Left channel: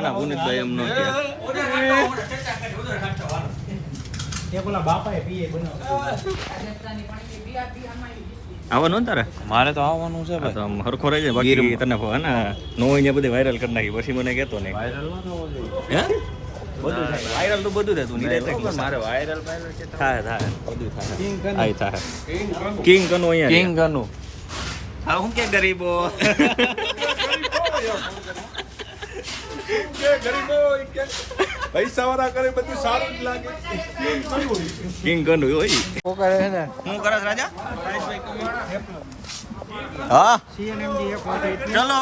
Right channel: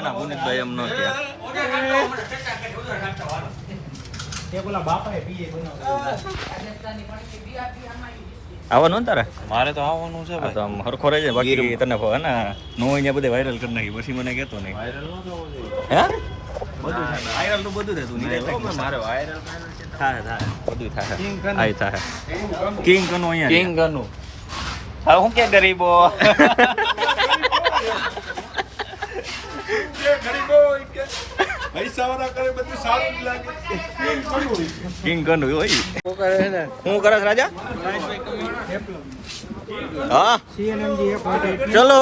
ના ના પુનિતભાઈ એમ ન કે આવવાનું તારે? મારે તો આવવાનું છે તો આમ હરખો રહે છે બાકી તને હે ને નો અહીંયા બધે વાયરલ કરી નાખી પછી મને કહેતો નહીં. હે બધું થાય વાયરલ તો બધું થાય તું નહીં મારે વાયરલ થાય બધું થાય આય થાય કિંગ કનું અહીંયા કિંગ ગનું હા હું કે ગરીબો પૈસા વાળા કરે બધું સારું જ લાગે. કિંગ કનું હોય હું કરસ રાજા હા ચલો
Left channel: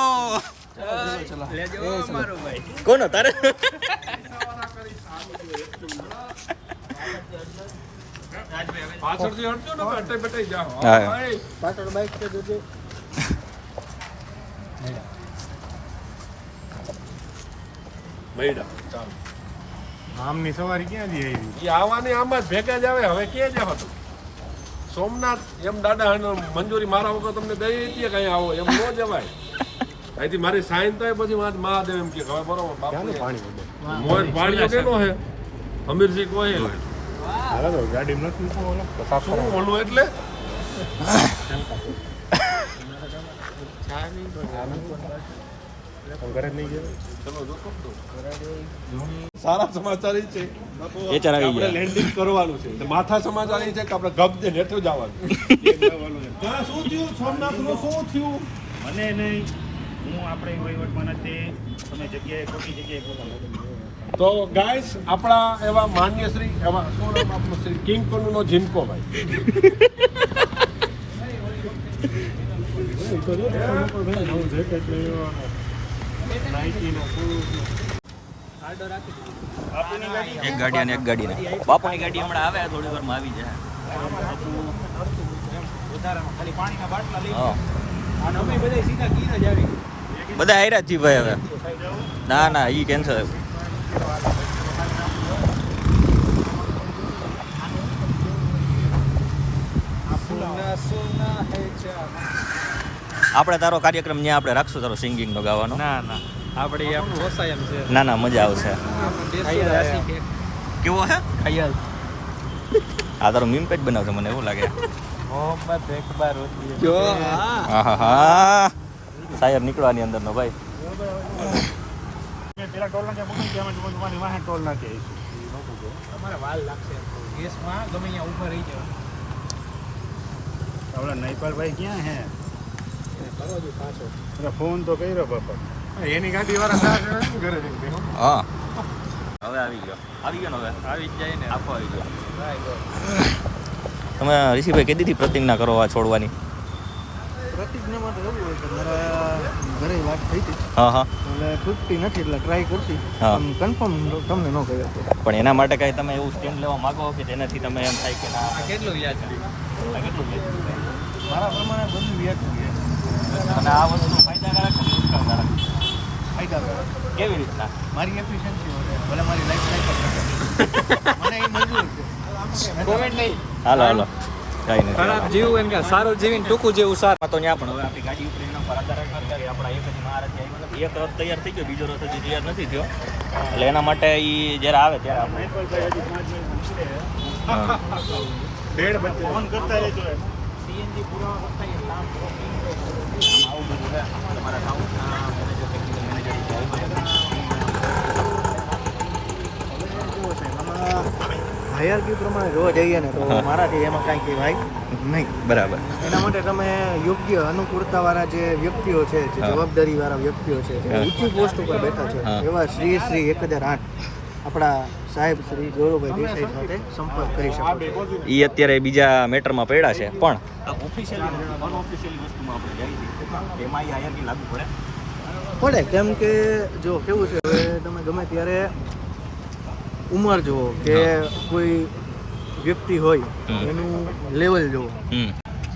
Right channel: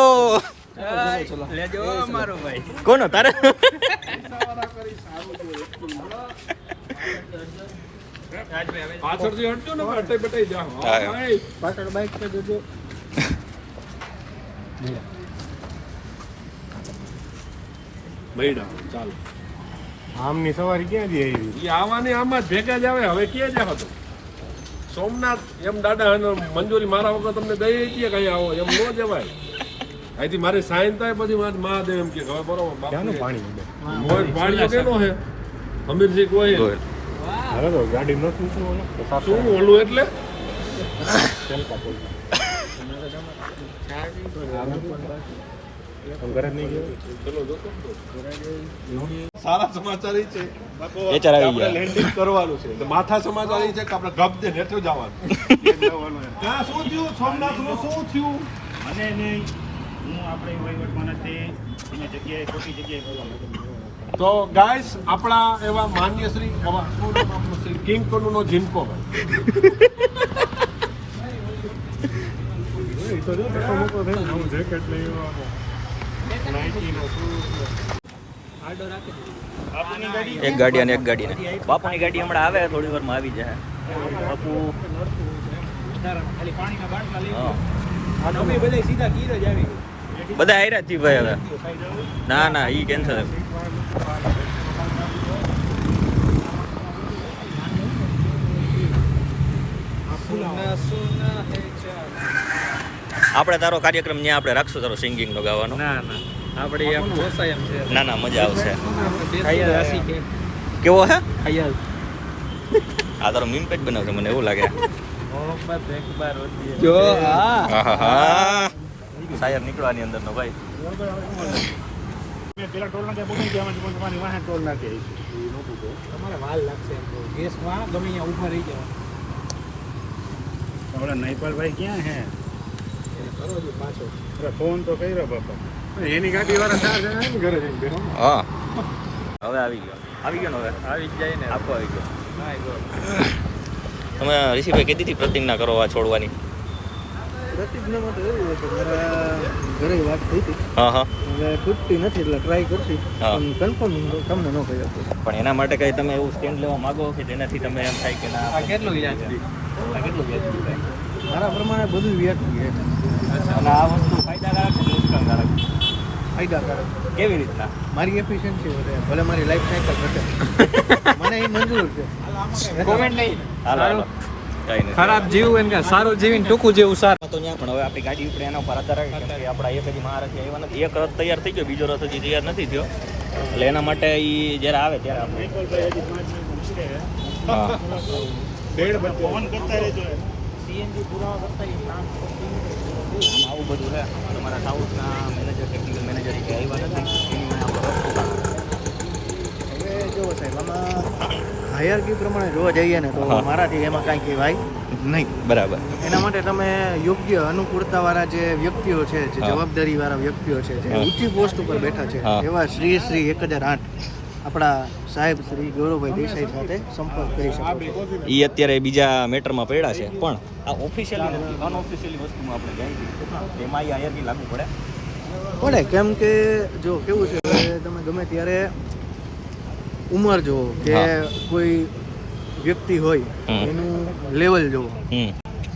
કોનો તારે પાછળથી હટજો ને અટઈ બટાઈ જાઓ. પાછળ બાઈક તો જોજો. લઈડા ચાલો. આમની સવારી ક્યાં જઈ આવી? ઈ આવવાને આમાં જ ભેગા જ આવે. હવે ક્યાં જાવ તો સોમનાથ એમ દાદા અને મંજૂરી મારા વગર તમને દઈ હતી કઈ આવો એમ ન જવાય. અહીંથી મારી સાઈન થાય પછી મહાદેવ એમ કે હવે બરોબર બાપુ મોય પાણીઓ કેનો હે અમીરજી કોઈ હાલો તો ગાડી નથી મૂકવું શું ઓલું એટલે સારા સમાચાર ઈ છે એ ચરાવી ગયા લેન્ડિંગ કરવાનું છે. માથા સમાચાર ઈ છે કે આપણે ગપ દે નેઠો જવાનું. ત્યાં શું થયું સોમનાથનું શું થયું મને નહીં હું આપણે વહીવટમાં નથી તમે જગ્યાએ ખોટી જગ્યાએ બોલો. તો ગાઈસ આપણા એવા માન્ય શ્રી એવા શું નામ આપણું શ્રી કિંગ કોનુનો જીનકો એક ગાડી અને એક ગાડી બાપુની ગાડી હમણાં આવે થોડી વારમાં આવી જાય બાપુ બધા આયરા જી ભાઈ હવે ના ના ઈ કેન્સલ આપણે તારો કાર્યક્રમ ત્યાં આપણે રાખશું તારો સિંગિંગ નો ગાવાનો ના ના આપણે એમ પોસાય એમ છે. ના ના મજા આવશે કેવો હે આ તારો મીમ પેજ બનાવશે મને એવું લાગે હા શાયર નીકળવાની અંદર નો ભાઈ પેલા ટોલ નાખ્યા બોલી ત્યાં તમારી વાહે ટોલ નાખી આવીશું તમારે વાલ લાગશે ગેસમાં ગમે અહીંયા ઊભા રહી જાય. આપણા નૈપાલભાઈ ક્યાં હે ફોન તો કર્યો બાપા એની ગાડી વાળા ઘરે જઈને બેઠો. હા હવે આવી ગયો ને હવે આવી જાય ને આપો આવી ગયો તમે ઋષિભાઈ કીધી પ્રતિજ્ઞા કરો આ છોડવાની પ્રતિજ્ઞામાં તો એવું હોય કે મારા ઘરે વાત થઈ હતી હા હા હવે છૂટતી નથી એટલે ટ્રાય કરતી હા. કન્ફર્મ તમને ન કહી આપો. પણ એના માટે કઈ તમે એવું સ્ટેન્ડ લેવા માંગો કે જેનાથી તમે એમ થાય કે ના આ કેટલું યાદ છે આ કેટલું વ્યાજબી છે મારા પ્રમાણે બધું વ્યાજબી છે. અને આ વસ્તુ ફાયદાકારક કે નુકસાનકારક ફાયદાકારક કેવી રીતના મારી એફિશિયન્સી વધે ભલે મારી લાઈફ સાયકલ ઘટે મને એ મંજૂર છે. હાલો હાલો કઈ નથી ખરાબ જીવ એમ કે સારું જીવીને ટૂંકું જેવું સારું. તો ત્યાં પણ હવે આપણી ગાડી ઉપર એના ઉપર આધાર રાખે કે આપણા એક હજી મહારાજ આવ્યા નથી એક રથ તૈયાર થઈ ગયો બીજો રથ હજી તૈયાર નથી થયો એટલે એના માટે એ જ્યારે આવે ત્યારે આપણે હા ફોન કરતા રહેજો. સીએનજી પુરાવા કરતા આવું બધું છે તમારા સાઉન્ડના મેનેજર ટેકનિકલ મેનેજર કે આવ્યા નથી હવે જો સાહેબ આમાં હાયરકી પ્રમાણે જોવા જઈએ ને તો હા. મારાથી એમાં કાંઈ કહેવાય નહીં. બરાબર એના માટે તમે યોગ્ય અનુકૂળતાવાળા જે વ્યક્તિઓ છે જે હા. જવાબદારીવાળા વ્યક્તિઓ છે જે હા. ઊંચી પોસ્ટ ઉપર બેઠા છે હા. એવા શ્રી 1008 આપણા સાહેબ શ્રી ગૌરવભાઈ દેસાઈ સાથે સંપર્ક કરી શકો છો. એ અત્યારે બીજા મેટરમાં પડ્યા છે પણ આ ઓફિશિયલી નથી અનઓફિશિયલી વસ્તુમાં આપણે જાય એમાં એ હાયરકી લાગુ પડે પડે કેમ કે જો કેવું છે હવે તમે ગમે ત્યારે ઉંમર જુઓ કે હા. કોઈ વ્યક્તિ હોય હમ. એનું લેવલ જુઓ હમ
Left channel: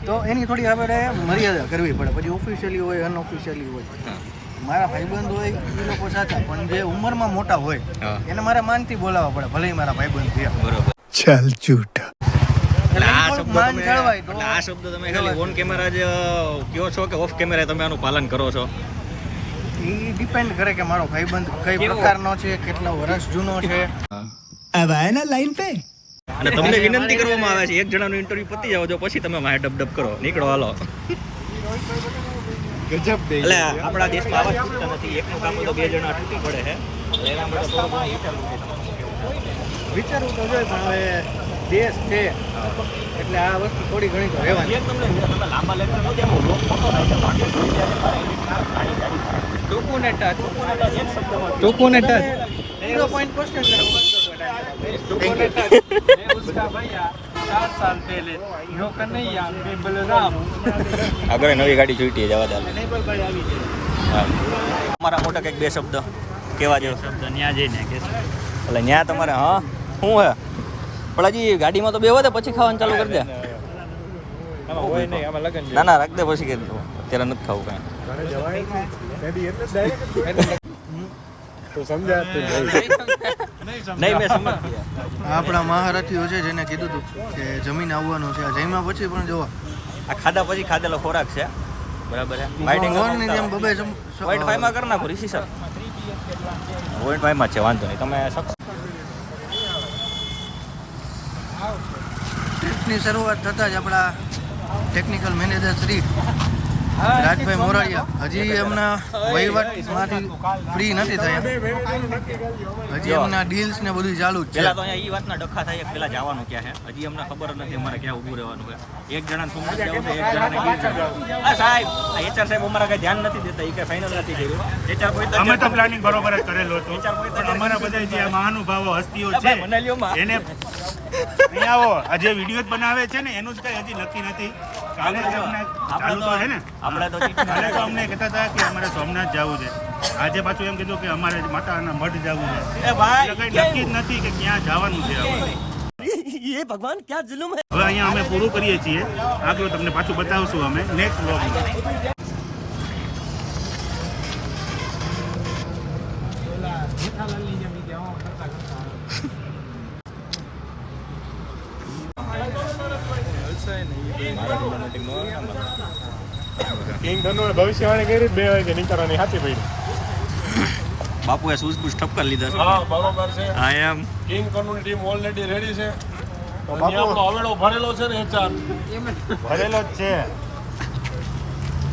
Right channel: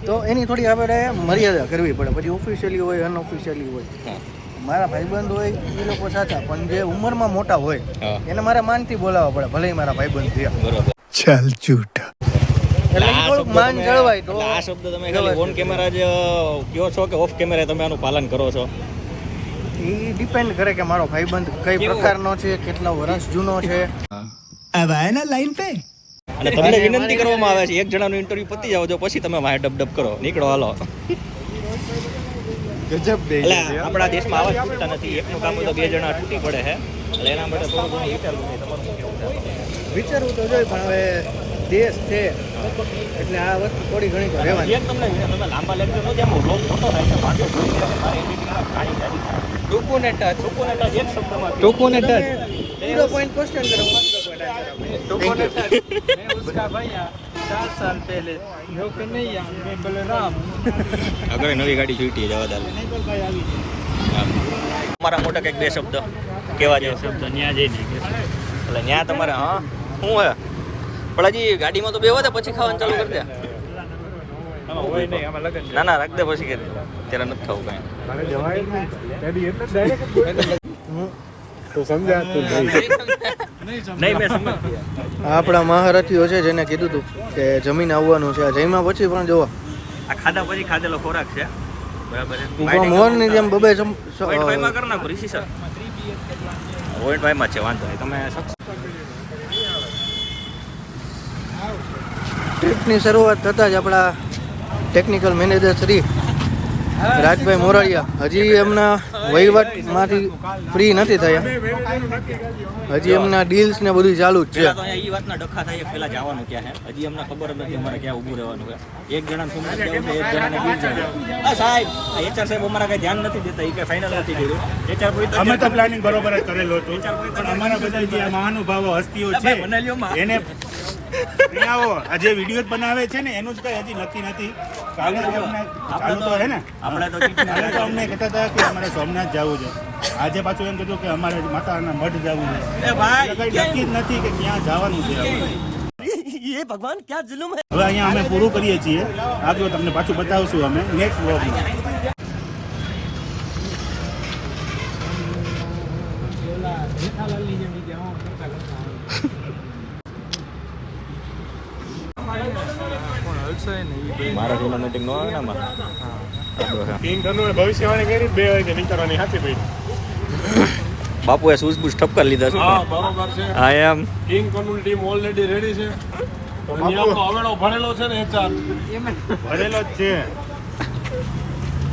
તો એની થોડી આપણે મર્યાદા કરવી પડે. પછી ઓફિશિયલી હોય અનઓફિશિયલી હોય હા મારા ભાઈબંધ હોય એ લોકો સાચા પણ જે ઉંમરમાં મોટા હોય હા એને મારે માનથી બોલાવવા પડે ભલે ઈ મારા ભાઈબંધ થયા બરોબર ચાલ ચૂટા એટલે ઈ આ થોડુંક શબ્દ માન તમે- જળવાય તો એટલે આ શબ્દ તમે ખાલી ઓન કેમેરા જ કયો છો કે ઓફ કેમેરા તમે આનું પાલન કરો છો એ ડિપેન્ડ કરે કે મારો ભાઈબંધ કઈ પ્રકારનો છે, કેટલા વર્ષ જૂનો છે. અને તમને વિનંતી કરવામાં આવે છે એક જણાનું ઇન્ટરવ્યુ પતી જાવ જો પછી તમે વાહે ડબ ડબ કરો, નીકળો હાલો. ગજબ દે. એટલે આપણા દેશમાં આવા છૂટતા નથી, એકનું કામ હોય તો બે જણા તૂટી પડે છે. એટલે એના માટે થોડું ઘણું વિચારવું છે. તમારું શું કેવું છે? વિચારવું તો જોઈએ પણ હવે દેશ છે એટલે આ વસ્તુ થોડી ઘણી તો રહેવાની. એક તમને લાંબા લેક્ચર નો જેમ લોક મોટો થાય છે પાછો કરી દે છે મારે એડિટિંગમાં ગાડી ગાડી ટૂંકું ને ટચ. ટૂંકું ને ટચ એક શબ્દમાં ટૂંકું ને ટચ 0 પોઈન્ટ ક્વેશ્ચન કરો. આગળ નવી ગાડી જોઈતી જવા દે. તમારા મોટા કંઈક બે શબ્દ કેવા છે? શબ્દ ન્યા જઈને એટલે ન્યા તમારે હા શું હે પણ હજી ગાડીમાં તો બે વધે પછી ખાવાનું ચાલુ કરી દે. ના ના રાખ દે પછી કરી દો, અત્યારે નથી ખાવું કાંઈ. આપણા મહારથીઓ છે જેને કીધું હતું કે જમીન આવવાનું છે, જઈમાં પછી પણ જોવા આ ખાધા પછી ખાધેલો ખોરાક છે બરાબર છે. ઊભા મોરની જેમ બબે પોઈન્ટ કરી નાખો ઋષિ સર. પોઈન્ટ માં છે વાંધો નહીં તમે ટ્રીપની શરૂઆત થતાં જ આપણા ટેકનિકલ મેનેજર શ્રી રાજભાઈ મોરારિયા હજી એમના વહીવટમાંથી ફ્રી નથી થયા. હજી એમના ડીલ્સ ને બધું ચાલુ જ છે. પેલા તો અહીંયા ઈ વાતના ડખા થાય પેલા જવાનું ક્યાં છે હજી અમને ખબર જ નથી અમારે ક્યાં ઊભું રહેવાનું છે. એક જણાને સોમનાથ જવું છે, એક જણાને ગીર જવું. આ સાહેબ આ એચઆર સાહેબ અમારા કઈ ધ્યાન નથી દેતા, એ કે ફાઇનલ નથી કર્યું. એચઆર પોઈન્ટ અમે તો પ્લાનિંગ બરોબર જ કરેલો હતો પણ અમારા બધા જે મહાનુભાવો હસ્તીઓ છે એને આવો આ જે વિડીયો બનાવે છે ને એનું જ કઈ હજી નક્કી નથી. કાલે જે અમને ચાલુ તો છે ને આપણે તો કાલે તો અમને કહેતા હતા કે અમારે સોમનાથ જવું છે, આજે પાછું એમ કીધું કે અમારે માતાના મઠ જવું છે. એટલે કઈ નક્કી જ નથી કે ક્યાં જવાનું છે અમારે. ભગવાન ક્યાં જુલુમ હે. હવે અહીંયા અમે પૂરું કરીએ છીએ, આગળ તમને પાછું બતાવશું અમે નેક્સ્ટ વ્લોગમાં. મારા ટુર્નામેન્ટિંગ નો આવે ને આમાં. ભવિષ્યવાણી કરી 2 વાગે નીકળવાની હાથી ભાઈ. બાપુએ શૂઝ બૂઝ ઠપકાર લીધા છે. હા બરોબર છે. I am king corner team already ready છે. તો નિયમનો હવેડો ભરેલો છે ને એચઆર ભરેલો જ છે.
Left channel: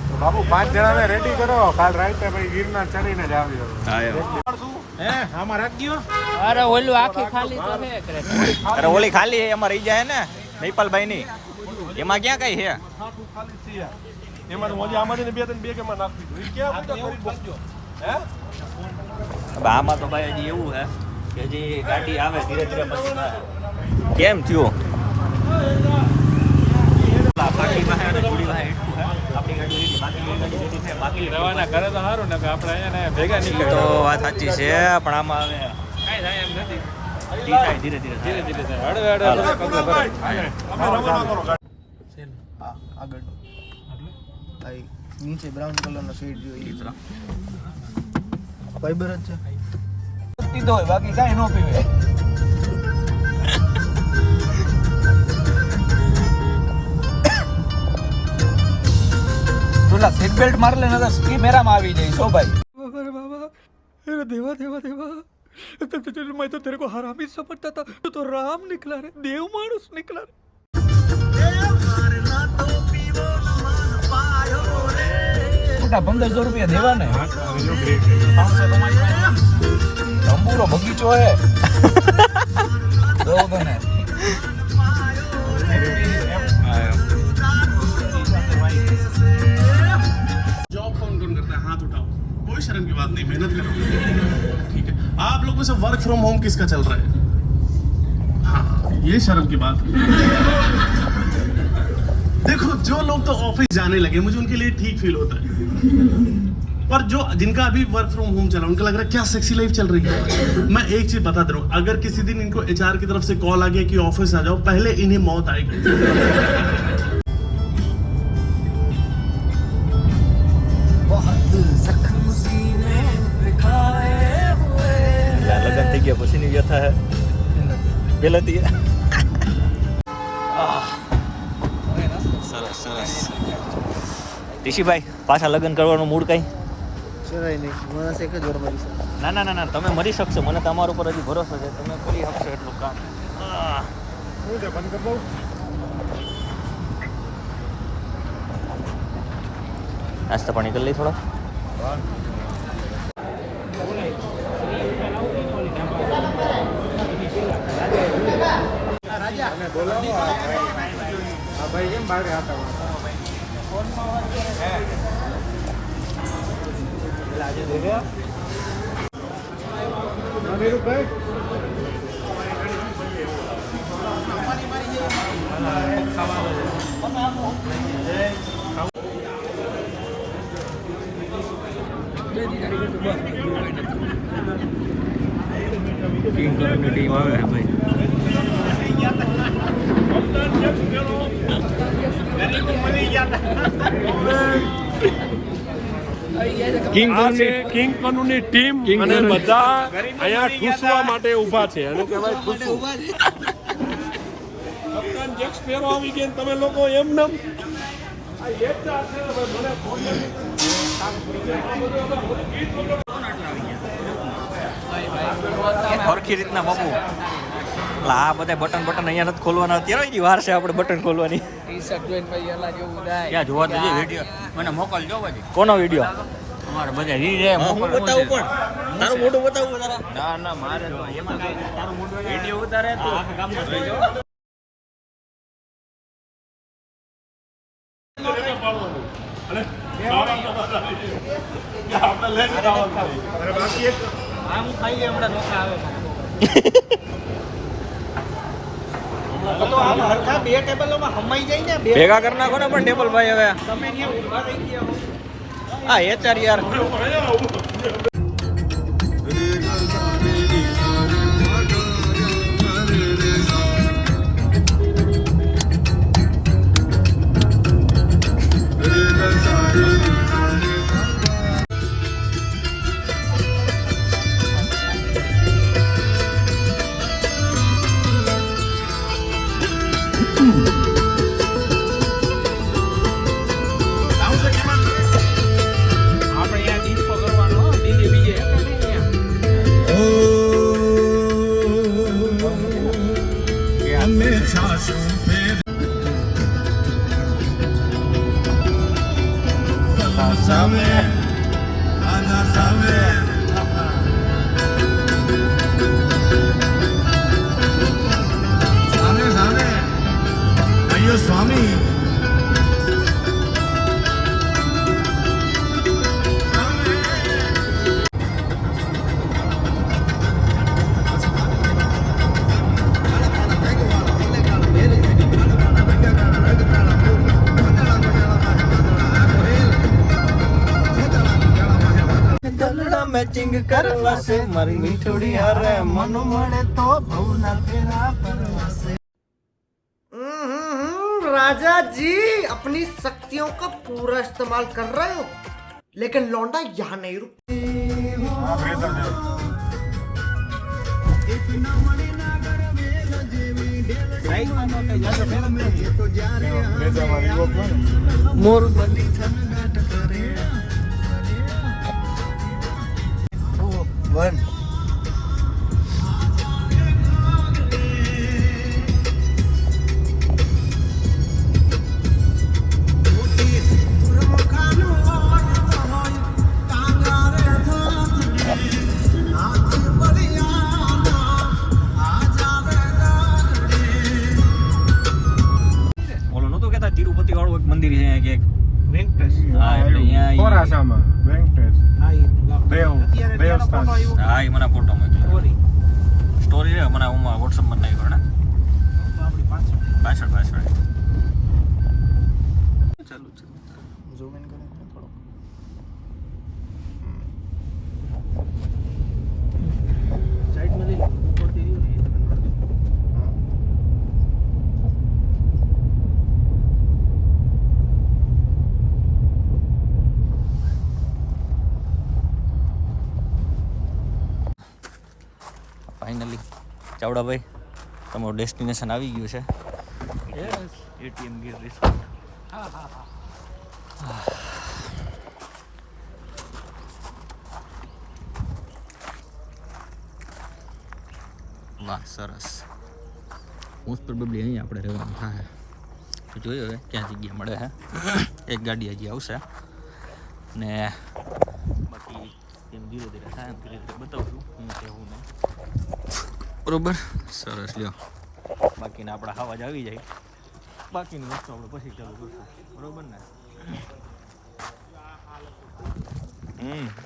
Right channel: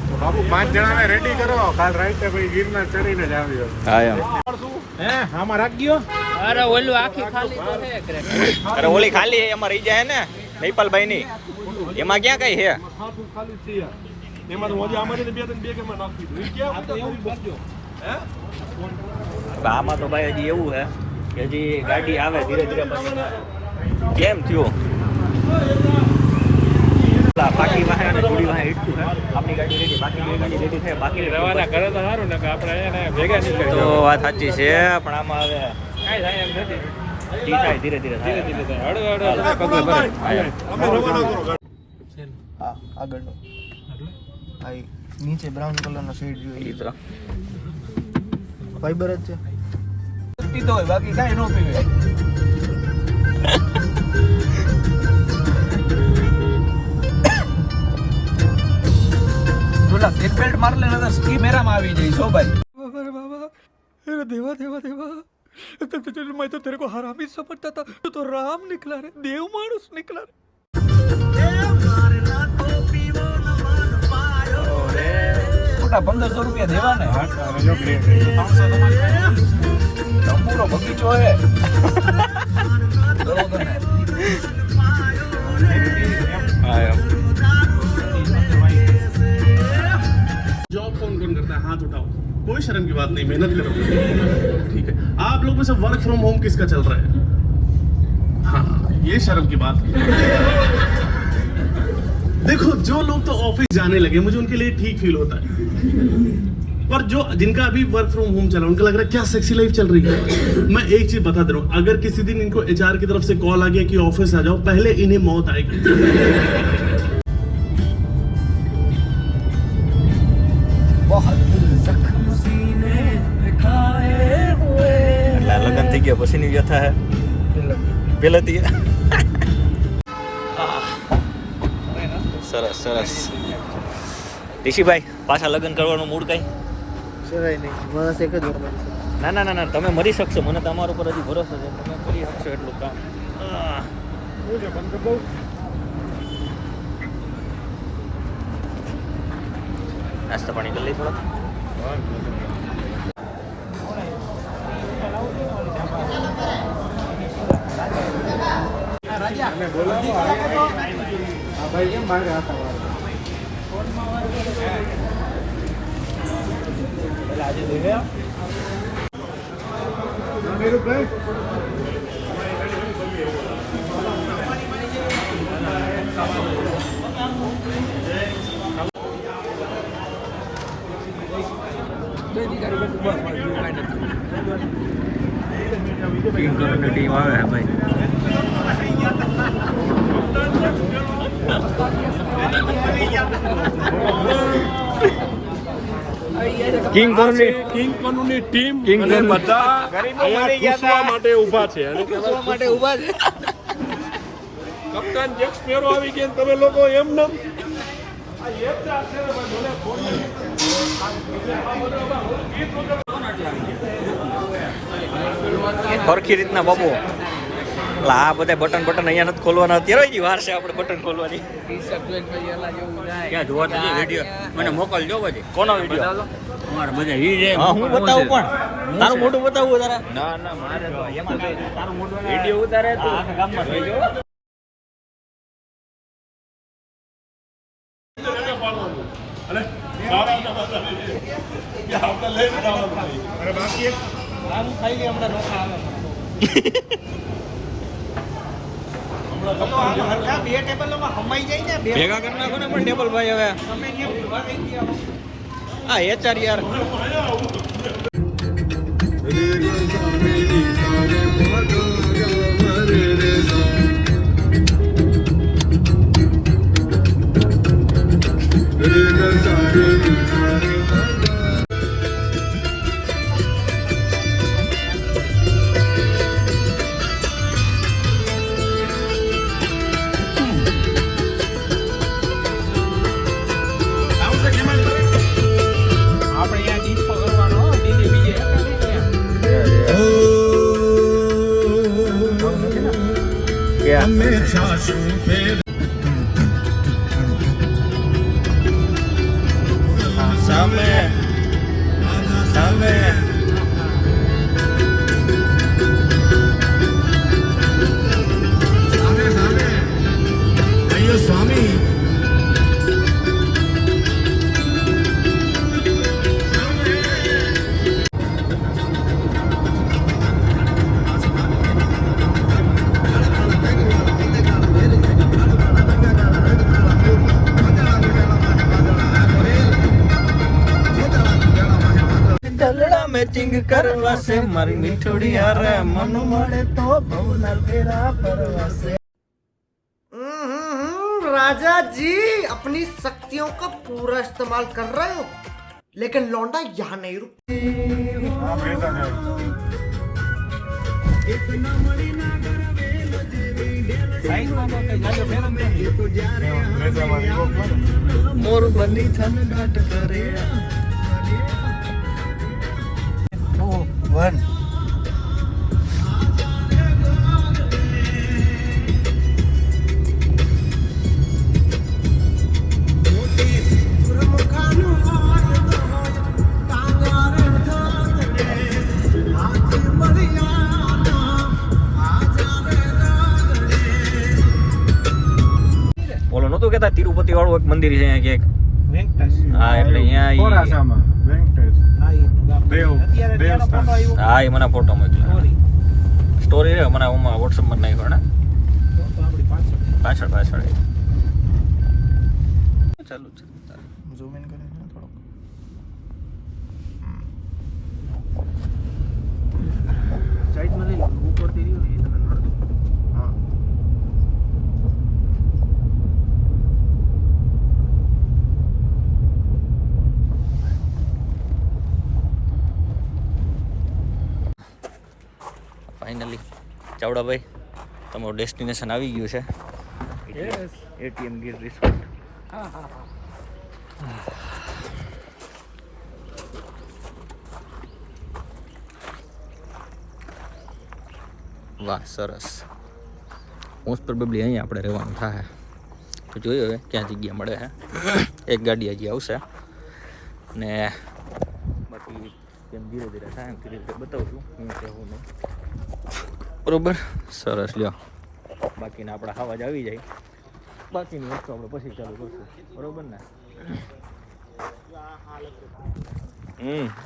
તો બાપુ 5 જણાને રેડી કરો, કાલ રાતે ભાઈ ગિરનાર ચડીને જ આવ્યો. આઈ એમ આમાં રાખ દો. અરે ઓલી ખાલી એમાં રહી જાય ને મહિપાલભાઈ ની, એમાં ક્યાં કઈ છે? હાથું ખાલી છે યાર. એમાં તો ઓજી આમાંથી બે કેમાં નાખી દીધું. ક્યાં આ તો એવું જ બસ્યો. હે હવે આમાં તો ભાઈ હજી એવું છે કે હજી ગાડી આવે ધીરે ધીરે પછી થાય. કેમ થયું પાકી વાહે અને જુડી વાહે ઈટકું છે. આપણી ગાડી રેડી, બાકી બે ગાડી રેડી થાય. બાકી રવાના કરે તો સારું ને કે આપણે એને ભેગા નીકળી તો વાત સાચી છે પણ આમાં હવે કાઈ થાય એમ નથી. જી થાય ધીરે ધીરે થાય. ધીરે થાય. હળવે કુણાલભાઈ અમે રવાના કરો. આગળ નીચે બ્રાઉન કલરનો શેડ ઈ તો ફાઈબર જ છે. પીધો હોય બાકી કાંઈ ન પીવે. પેલા સીટ બેલ્ટ માર લે ને તો સ્કી મેરામાં આવી જાય સો ભાઈ. अरे बाबा अरे देवा देवा देवा मैं तो तेरे को हरामी समझता था, तू तो राम निकला रे, देव मानुस निकला रे. મોટા 1500 રૂપિયા દેવા ને. તંબુરો બગીચો હે. બરોબર ને. जॉब कौन कौन करता है? हाथ उठाओ. कोई शर्म की बात नहीं, मेहनत करो. ठीक है. आप लोगों से वर्क फ्रॉम होम किसका चल रहा है? हाँ, ये शर्म की बात है. देखो जो लोग तो ऑफिस जाने लगे मुझे उनके लिए ठीक फील होता है, पर जो जिनका अभी वर्क फ्रॉम होम चला उनका लग रहा है क्या सेक्सी लाइफ चल रही है. मैं एक चीज बता दे रहा हूँ, अगर किसी दिन इनको एचआर की तरफ से कॉल आ गया कि ऑफिस आ जाओ, पहले इन्हें मौत आएगी. લગન થઈ ગયા પછીની વ્યથા હે પેલેથી. સરસ સરસ. ઋષિભાઈ પાછા લગ્ન કરવાનું મૂડ કઈ? ના ના ના ના તમે મરી શકશો, મને તમારા ઉપર હજી ભરોસો છે, તમે કરી શકશો એટલું કામ. નાસ્તા પાણી કરી લઈ થોડો. ટીમ આવે હે ભાઈ. કિંગ કોનુની ટીમ અને બધા અહીંયા ઘૂસવા માટે ઊભા છે. કપ્તાન જેક સ્પેરો આવી ગયા ને તમે લોકો એમ નમ સરખી રીતના બાબુ. એટલે આ બધા બટન અહીંયા નથી ખોલવાના, અત્યારે જ વાર છે આપણે બટન ખોલવાની. ક્યાં જોવા જઈએ વિડીયો મને મોકલજો પછી. કોનો વિડીયો? અમારે બધા હું બતાવું પણ તારું મોઢું બતાવું તારા? ના ના મારે તો એમાં તારું મોઢું વિડીયો ઉતારે તો આખા ગામમાં જોઈજો. અને સારા આપણે લઈને જવાનું ભેગા કરી નાખો ને પણ ટેબલ ભાઈ હવે. હા HR યાર. મેચિંગ કરવા છે મારી થોડી હારે મન મળે તો ભવના ફેરા પરવાસે. राजा जी अपनी शक्तियों का पूरा इस्तेमाल कर रहे हो, लेकिन लौंडा यहाँ नहीं रुक. મોર બલી થન નાટ કરે. ઓલો નતું કેતા તિરુપતિ વાળું એક મંદિર છે અહીંયા ક્યાંક. હા એટલે અહીંયા હા એ મને ફોટો મોકલ્યો. સ્ટોરી રે મને વોટ્સઅપમાં નાખ્યો ને પાછળ ચાલુ છે. ફાઇનલી ચાવડાભાઈ તમારું ડેસ્ટિનેશન આવી ગયું છે. ATM Gir resort. વાહ સરસ. મોસ્ટ પ્રોબેબલી અહીંયા આપણે રહેવાનું થાય. તો જોઈએ હવે ક્યાં જગ્યા મળે છે. એક ગાડી હજી આવશે ને બાકી જેમ ધીરે ધીરે થાય એમ ધીરે ધીરે બતાવશું હું કહેવું નહીં. બરોબર સરસ લ્યો. બાકીના આપણા હવાજ આવી જાય, બાકીની વસ્તુ આપણે પછી ચાલુ કરશું. બરોબર ને?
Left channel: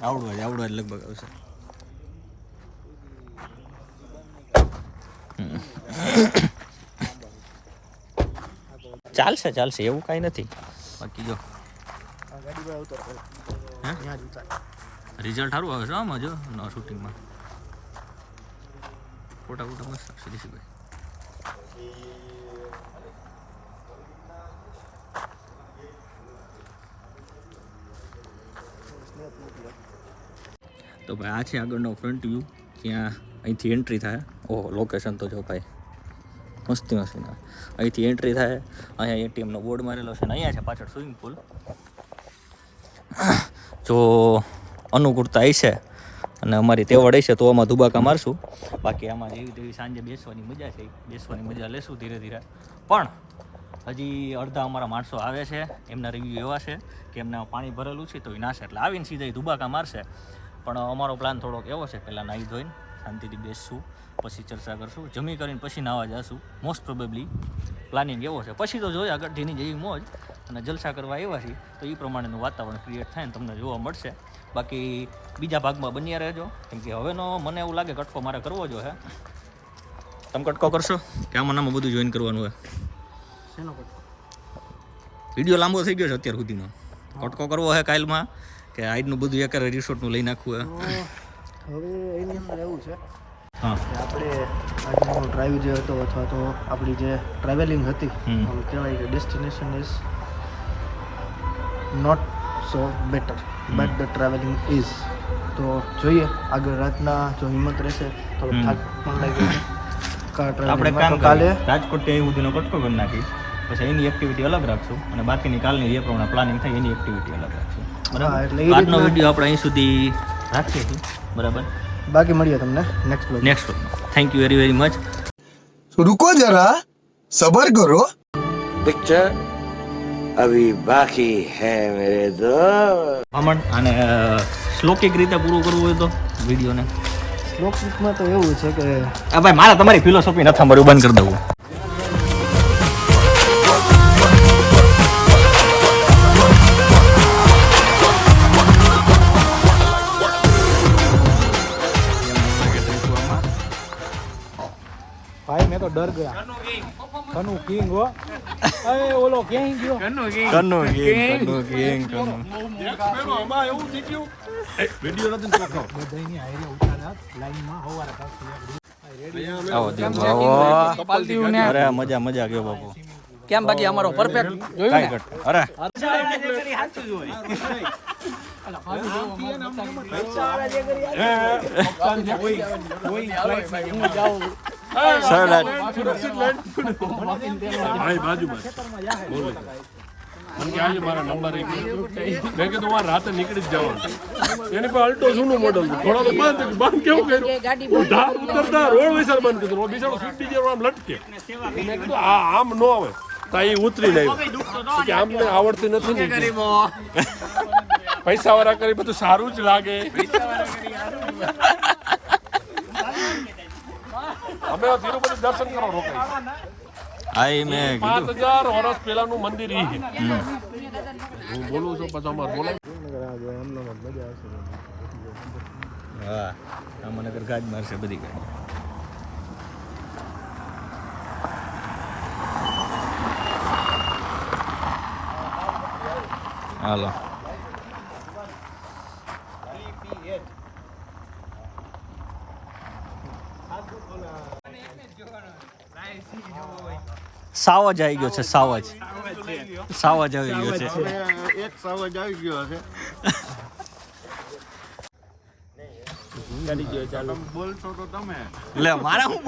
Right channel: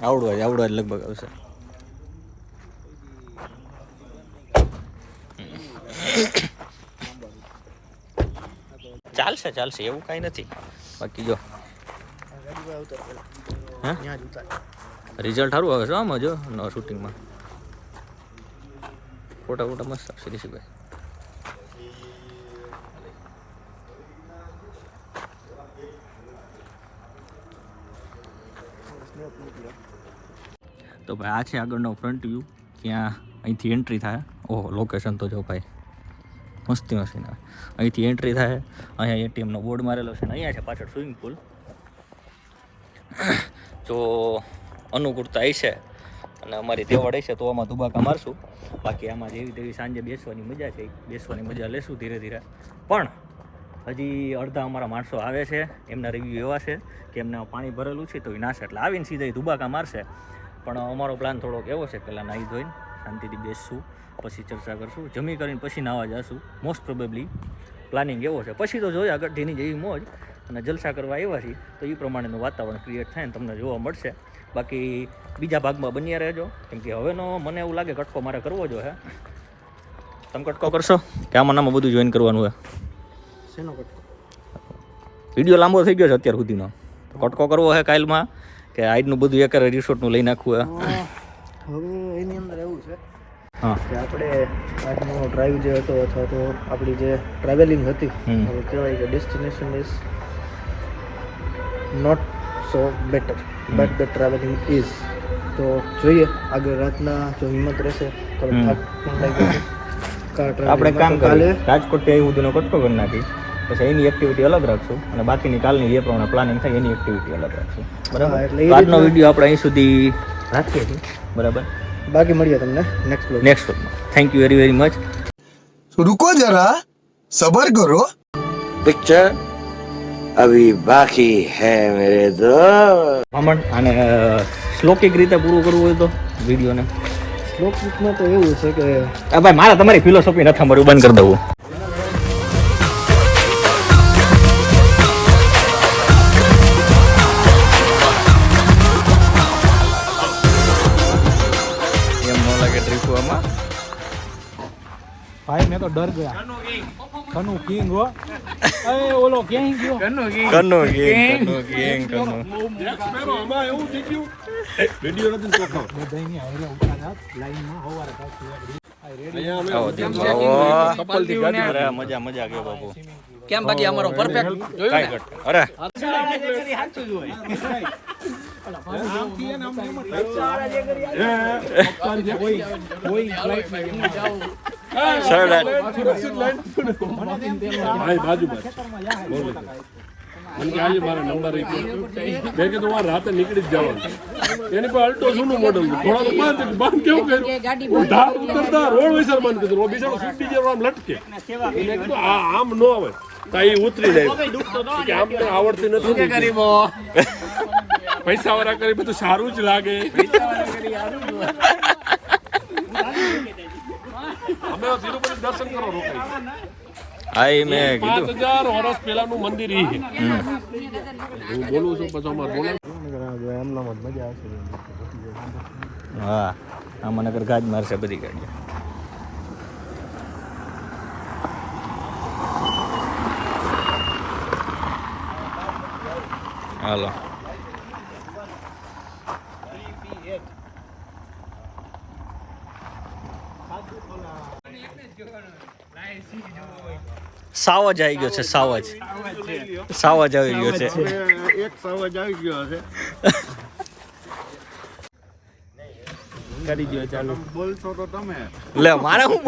આવડવા જ લગભગ આવશે. ચાલશે એવું કાંઈ નથી. બાકી જો રિઝલ્ટ સારું આવે છે આમાં. જો શૂટિંગમાં ફોટા મસ્ત આવશે ઋષિભાઈ. તો ભાઈ આ છે આગળનો ફ્રન્ટ વ્યૂ, ત્યાં અહીંથી એન્ટ્રી થાય. ઓહો લોકેશન તો જો ભાઈ મસ્તી. અહીંથી એન્ટ્રી થાય. અહીંયા એટીએમનો બોર્ડ મારેલો છે ને અહીંયા છે પાછળ સ્વિમિંગ પુલ. જો અનુકૂળતા હશે અને અમારી તેવડ હશે તો આમાં દુબાકા મારશું. બાકી આમાં જેવી તેવી સાંજે બેસવાની મજા છે, બેસવાની મજા લેશું ધીરે ધીરે. પણ હજી અડધા અમારા માણસો આવે છે, એમના રિવ્યૂ એવા છે કે એમને પાણી ભરેલું છે તો એ નાશે એટલે આવીને સીધા દુબાકા મારશે. પણ અમારો પ્લાન થોડોક એવો છે, પહેલાં નાહી ધોઈને શાંતિથી બેસશું, પછી ચર્ચા કરશું, જમી કરીને પછી નાહવા જશું. મોસ્ટ પ્રોબેબલી પ્લાનિંગ એવો છે. પછી તો જોઈએ આગળ જેની જેવી મોજ અને જલસા કરવા આવ્યા છીએ તો એ પ્રમાણેનું વાતાવરણ ક્રિએટ થાય ને તમને જોવા મળશે. બાકી બીજા ભાગમાં બન્યા રહેજો, કેમ કે હવેનો મને એવું લાગે કટકો મારે કરવો જો હે. તમે કટકો કરશો કે આમાં બધું જોઈન કરવાનું હોય? શેનો કટકો? વિડીયો લાંબો થઈ ગયો છે અત્યાર સુધીનો. કટકો કરવો છે કાલમાં કે આજનું બધું એક રિસોર્ટનું લઈ નાખવું હે? હવે એની અંદર એવું છે હા કે આપણે આજનો ડ્રાઈવ જે હતો અથવા તો આપણી જે ટ્રાવેલિંગ હતી, હવે કહેવાય કે destination is not so better but the travelling is. તો જોઈએ આગળ રાતના જો હિંમત રહેશે તો થાક પણ લાગી જશે. આપણે કામ કાલે રાજકોટ ત્યાં સુધીનો કટકો કરી નાખી, પછી એની એક્ટિવિટી અલગ રાખશું અને બાકીની કાલની જે પ્રમાણે પ્લાનિંગ થાય એની એક્ટિવિટી અલગ રાખશું. બરાબર? આજનો વિડીયો આપણે અહીં સુધી રાખીએ છીએ. બરાબર? બાકી મળીએ તમને નેક્સ્ટ વ્લોગમાં. Thank you very much. रुको जरा सबर करो पिक्चर अभी बाकी है मेरे दोस्त. મામણ આને શ્લોકિક રીતે પૂરું કરવું હોય તો વિડીયોને શ્લોકમાં તો એવું છે કે ભાઈ મારે તમારી ફિલોસોફી નથી સાંભળવું, બંધ કરી દઉં. એમ ન લાગે ટ્રીપમાં ભાઈ મેં તો ડર ગયા. કનુ કિંગ હો. એ ઓલો ક્યાં ગયો? કનો ગેંગ. આમાં એવું થઈ ગયું વિડીયો નથી ચોખ્ખો. બધાયની હારે ઉતાર્યા લાઈનમાં હોવારે પાછું આવો દીપ આવો. અરે મજા ગયો બાપુ. કેમ બાકી અમારો પરફેક્ટ કાઈ કર. અરે કોઈ ફ્લાઇટ ની જેમ જાવ. ભાઈ બાજુમાં બોલે મને કે આજે મારા નંબર એક મેં કીધું આ રાતે નીકળી જ જવાનું. એની પર અલ્ટો જૂનું મોડલ થોડા તો બંધ કેવું કર્યું ધાર ઉતરતા રોડ વિસર બંધ કીધું. બિચારો સ્વિફ્ટ ડિઝાયર આમ લટકે એને કીધું આમ ન આવે તો એ ઉતરી જાય કે આમને આવડતી નથી. પૈસા વાળા કરી બધું સારું જ લાગે. અમે તિરુપતિ દર્શન કરવા રોકાઈ. આ મેં કીધું 5000 વર્ષ પહેલાનું મંદિર ઈ છે. હું બોલું છું પછી અમાર બોલે. હા આમાં નગર ગાજ મારશે બધી ગાડીઓ. હાલો સાવજ આવી ગયો છે. સાવજ આવી ગયો છે. એક સાવજ આવી ગયો છે. બોલશો તો તમે લે મારે શું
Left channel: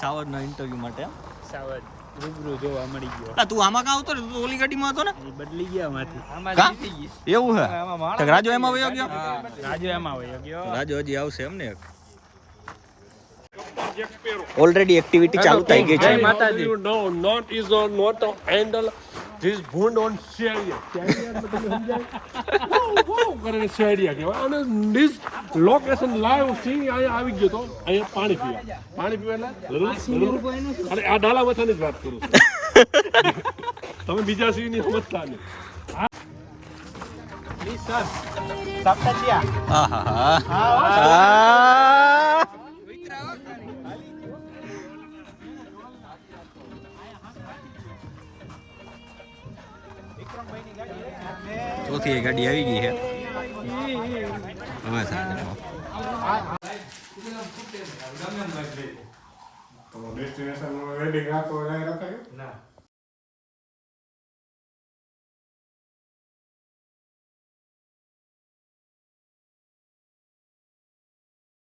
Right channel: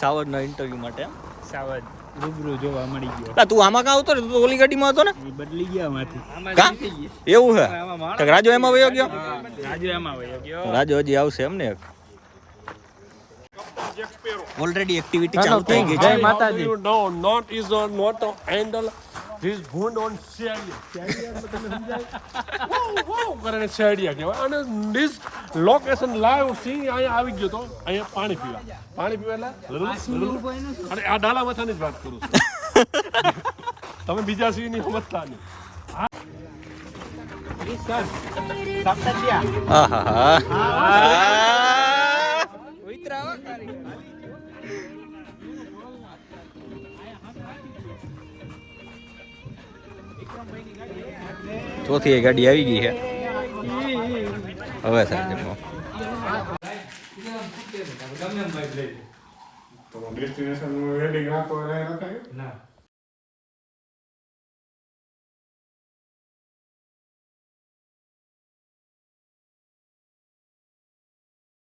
સાવજ નો ઇન્ટરવ્યુ માટે રૂબરૂ જોવા મળી ગયો. તું આમાં કાં આવતો ને? તું તો ઓલી ગાડીમાં હતો ને? બદલી ગયા માંથી. કા એવું છે? તો રાજો એમાં વયો ગયો? રાજુ એમાં વયો ગયો. રાજો હજી આવશે એમ ને? ઓલરેડી એક્ટિવિટી ચાલુ થઈ ગઈ છે. No, not is not a handle. This wound on Sharia. કરે Sharia કહેવાય. અને this location live seeing અહીંયા આવી ગયો તો અહીંયા પાણી પીવા અને આ ડાલા મથાની જ વાત કરું છું. તમે બીજા સિંહની સમજતા નહીં. ચોથી એ ગાડી આવી ગઈ છે હવે સાહેબ ડેસ્ટિનેશન વેડિંગ આપો ના